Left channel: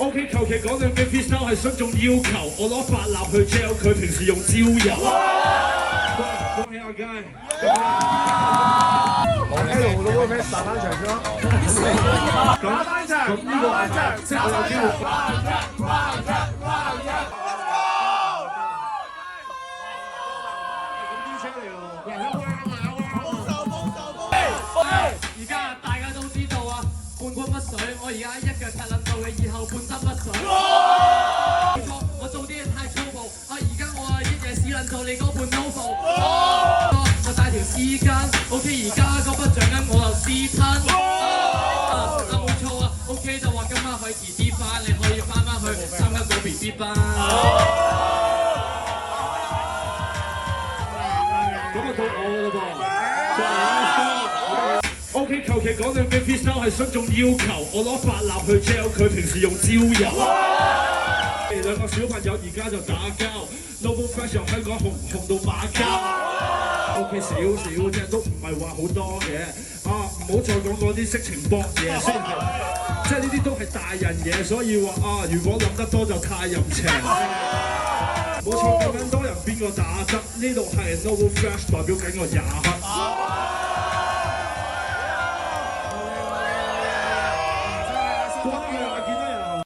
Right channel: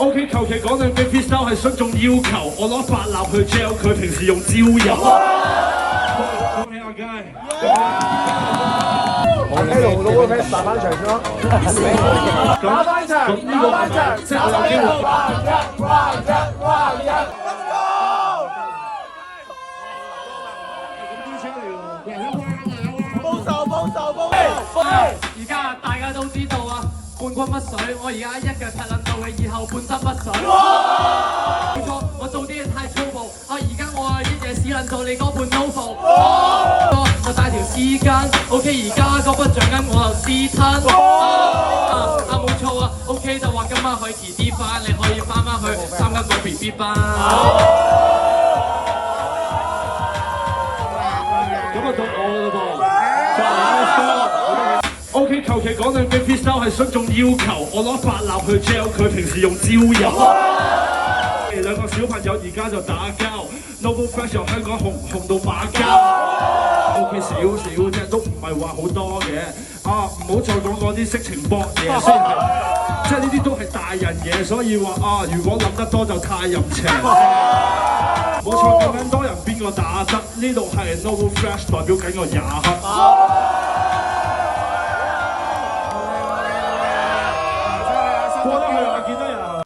OK， 求其講兩句 freestyle 係徇眾要求，我攞白蠟去 gel 佢，平時用焦油。恭喜阿佳！阿 K 老個 fans 打翻場咗，打翻場，咁呢個即係我有機會。而家大家都知道啊，冠軍乜水，我而家一腳踢撚到你，以後半身乜水。冇錯，我做啲嘢太粗暴，而家我一嘢屎撚到你嗰半 novel。我帶條絲巾 ，OK， 而家嗰筆獎金我就私吞。冇錯啊 ，OK 就話今晚可以遲啲翻，你可以翻去參加個 BB 班。咁啊到我啦噃。OK， 求其講兩句 freestyle 係徇眾要求，我攞白蠟去 gel 佢，平時用焦油。兩個小朋友而家就打交 ，Novel Fresh 由香港紅到馬交。OK， 少啫，都唔係話好多嘅。唔好再講嗰啲色情博嘢，雖然係即係呢啲都係大人嘢，所以話如果諗得多就太淫邪。冇錯，咁多人邊個打得？呢度係 Novel Fresh 代表緊個廿黑。